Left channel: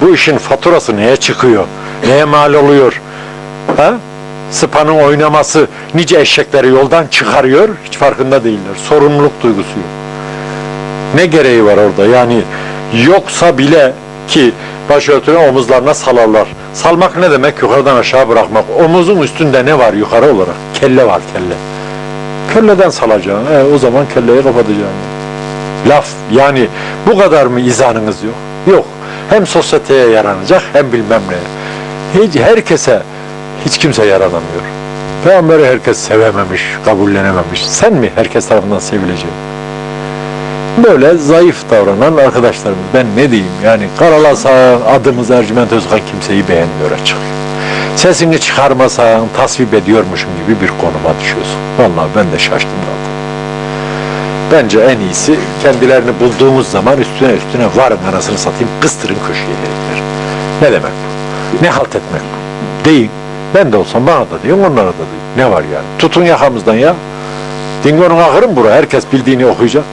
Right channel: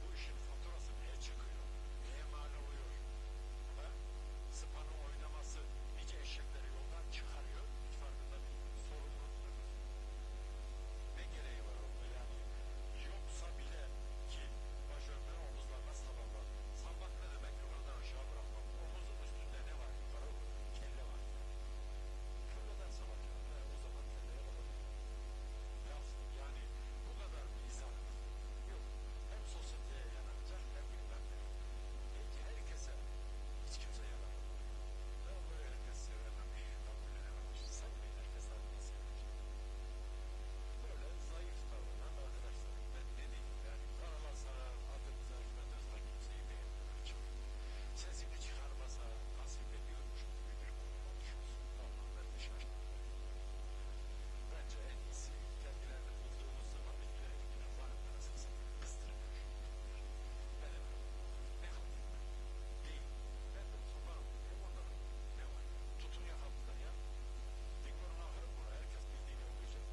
Bu işin faturası neye çıkıyor? Neye mal oluyor? Ha? Sıpanın oynaması nice eşekleri yoldan çıkarıyor, hiç farkında değiller. Sorumluluk duygusu yok. Ne gereği var orada? Yani yoksa bile ki başörtünü omuzlarına salarlar. Salmak ne demek? Yukarıdan aşağı bırakmak. Omuzun üstünde ne var yukarı olarak? Kelle var kelle. Kelleden salacaksın. E, o zaman kelleyi kapatacaksın. Laf yani bu kadar mı izanınız yok? Yok. Hem sosyeteye yaranacak hem bilmem ne. Hiç herkese hiç kimse yaranamıyor. Peygamberi herkes sevememiş, kabullenememiş. Sen mi herkes tarafından sevilecek? Böyle zayıf davranan arkadaşlarımız. Ben ne diyeyim yani karalasa adımız Ercüment Özkan kimseyi beğenmiyor açık. Sesini çıkarmasan tasvip ediyormuşum gibi bir konuma düşüyorsun. Vallahi ben de şaştım kaldım. Bence en iyisi kendilerini bulduğumuz zaman üstüne üstüne varın anasını satayım kıstırın köşeye herifler. Ne demek bu? Ne halt etmek bu? Değil. Ben de olsam bana da diyor, onlara da diyor. Ne var yani? Tutun yakamızdan ya. Dingo'nun ahırı mı bura? Herkes bildiğini okuyacak.